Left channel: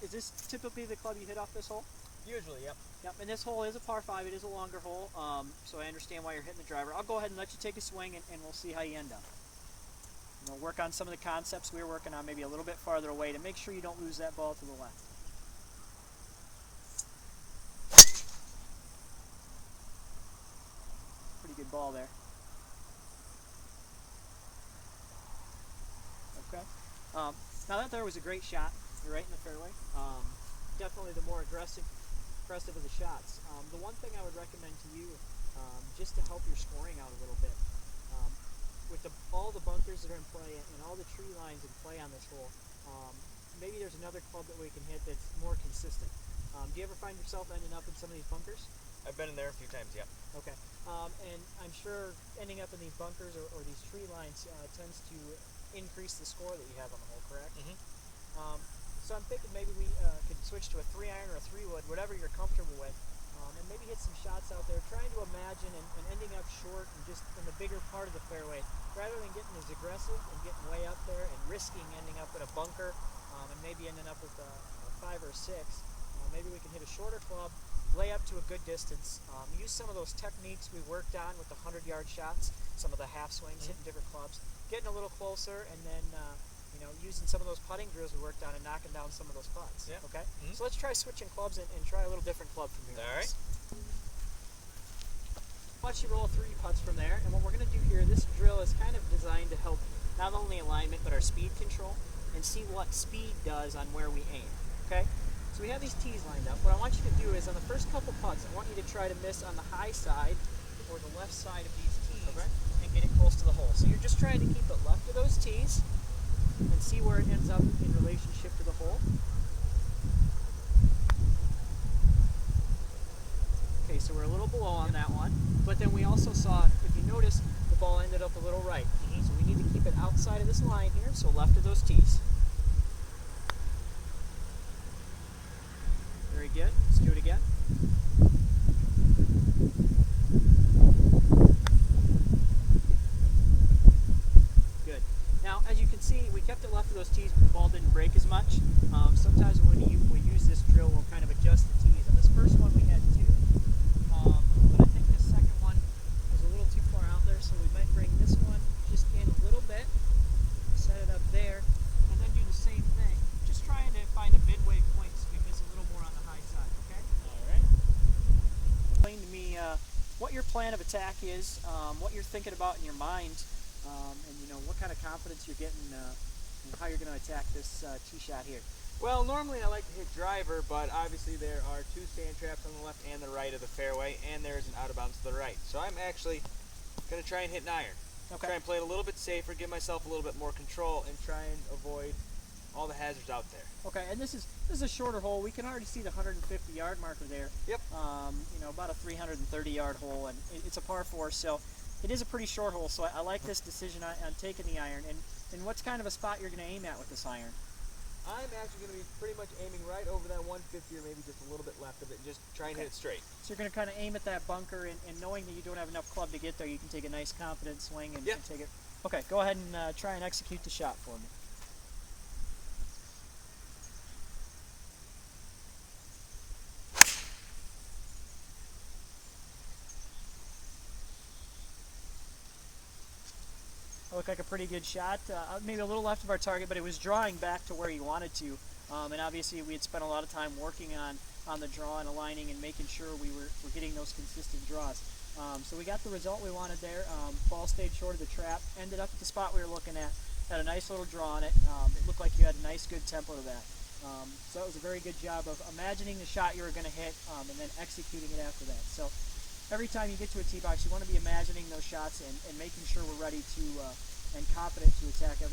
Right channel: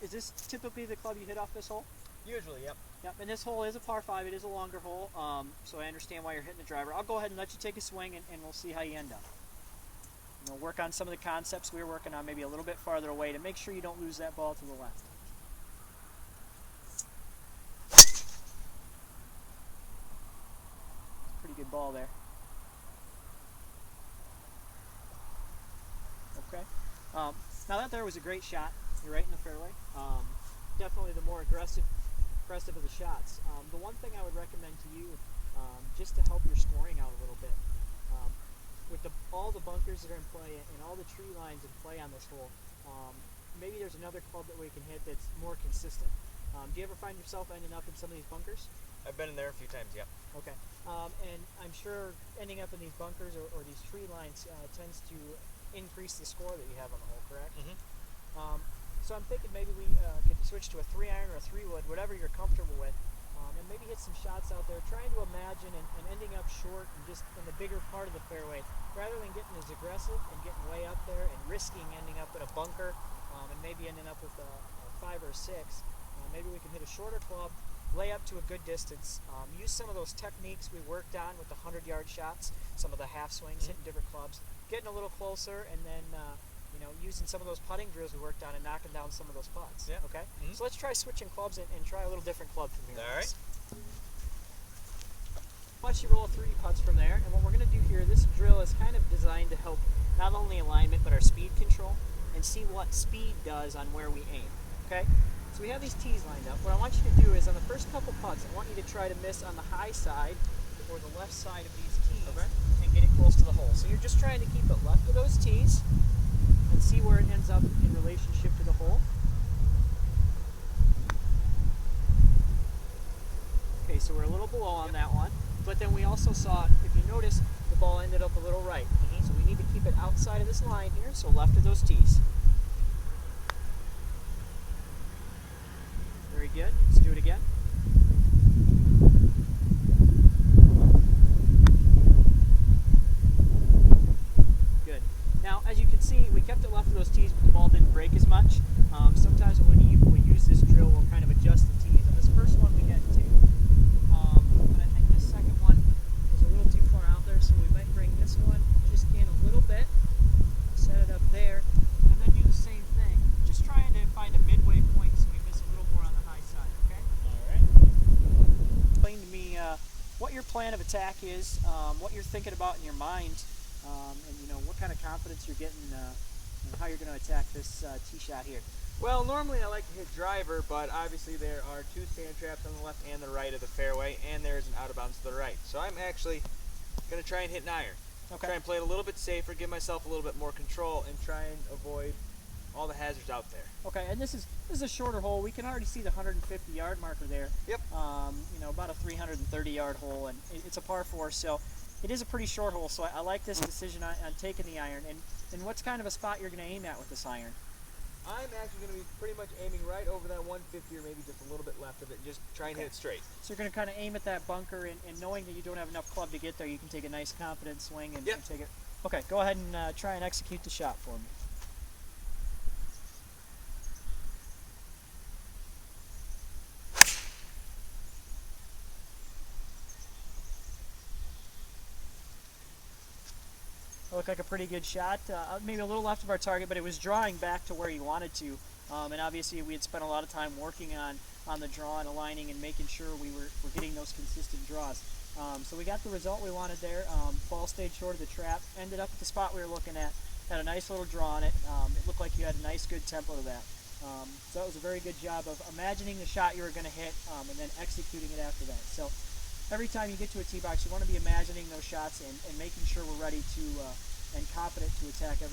Is this typically the club you hit off this hole? Usually, yep. Yep, and this hole is a par 5. It is a longer hole, so I understand why you're hitting the driver. I'll go ahead and let you take a swing, and we'll see how you end up. We'll work on some of the concepts we were working on maybe a little bit farther away to make sure you don't lose that ball to the left. Pretty good ball there. Okay. Now that there was a great shot. You're right in the fairway. Definitely the more aggressive of the shots. The one thing I would recommend to you, just to help your scoring out a little bit, with all the bunkers that are in play and all the tree lines in play on this hole, maybe there's another club that we can hit that's more consistent. Do you ever find yourself ending up in some of these bunkers? I've been in there a few times, yep. Okay. And I'm sure ending up in these bunkers or these tree lines tends to increase the score that you have on the hole, correct? Mm-hmm. So I'm thinking maybe we could switch to a 3-iron or a 3-wood, whatever you're comfortable with, and maybe hit some shots out there, trying to imagine and ending up short and just in the bigger part of the fairway, rather than getting as aggressive and getting way up there and risking ending up in a bunker and maybe ending up with a 5 or a 6. Maybe we can hit a shorter club, lay up to a good distance, use some of those techniques we worked on with the 100-yard shots, some of the half swings, hitting different clubs, getting a little closer, and then using some of those putting drills we worked on and knocking down some of those putts. Yeah. Okay? So let's try switching clubs and try a little different club from here. All right. Watch you roll 3 putts from there, and what we're going to do here, this drill is kind of designed to help not only alignment but our speed control and see what speed does on where we aim. Okay? So we have these tees lined up. What I want you to do is on the first couple putts, I want you to try to miss on the high side or the left side of these tees and get it close to the hole. So you're just trying to keep it left of those tees and see where it ends up in relationship to the hole. Okay, so we're a little below on that one, but then we also saw, if you notice, the ball ended up a little right. So we need to keep it outside of this line here, so left of those tees. Very good. Let's do it again. Good. Now, as you can see, we kept it left of those tees, but the ball didn't break as much. Sometimes when we use this drill, we'll kind of adjust the tees. On this first one, we had 2, but I think this second one was a little too far out there, so we might bring this one just in a little bit, set it up there, and then do the same thing. Just trying to find a midway point so we miss a little more on the high side, okay? All right. Explain to me what your plan of attack is, what you're thinking about in your mind, and what kind of confidence you're getting, and how you're going to attack this tee shot here. Well, normally I like to hit driver, but obviously there are 2 sand traps on the left and the right of the fairway, and there's an out of bounds to the right. So I'm actually going to try and hit an iron. Okay. Try and play it a little bit safer, give myself a little bit more control, and try and avoid all the hazards out there. Okay, and this is a shorter hole. We can already see the 150-yard marker there. Yep. About a 330-yard hole, and it's a par 4, so it is a pretty short hole. So I like this decision on taking the iron. And what's kind of a spot you're going to aim at with this iron? I'm actually going to be pretty much aiming right over that 150 or maybe just a little bit left of it and just try and hit it straight. So you're going to kind of aim at that bunker, and knowing that you don't have enough club to get there, you can take a nice confident swing and take it. Okay, go ahead and try and execute the shot for me. It looked like a pretty good shot, maybe a little left of our target, but it was drawing back to where you wanted to. And obviously we had spent a lot of time working on the draw and aligning and making sure we were getting those consistent draws. So we got the result we wanted there. Ball stayed short of the trap, ended up at the spot we were looking at, had a nice little draw on it. It looked like you had a nice good tempo to that. So that was a very good job of imagining the shot you were going to hit and then executing it after that. So every time you get to a tee box, you want to be imagining those shots and making sure we're ready to and confident to attack every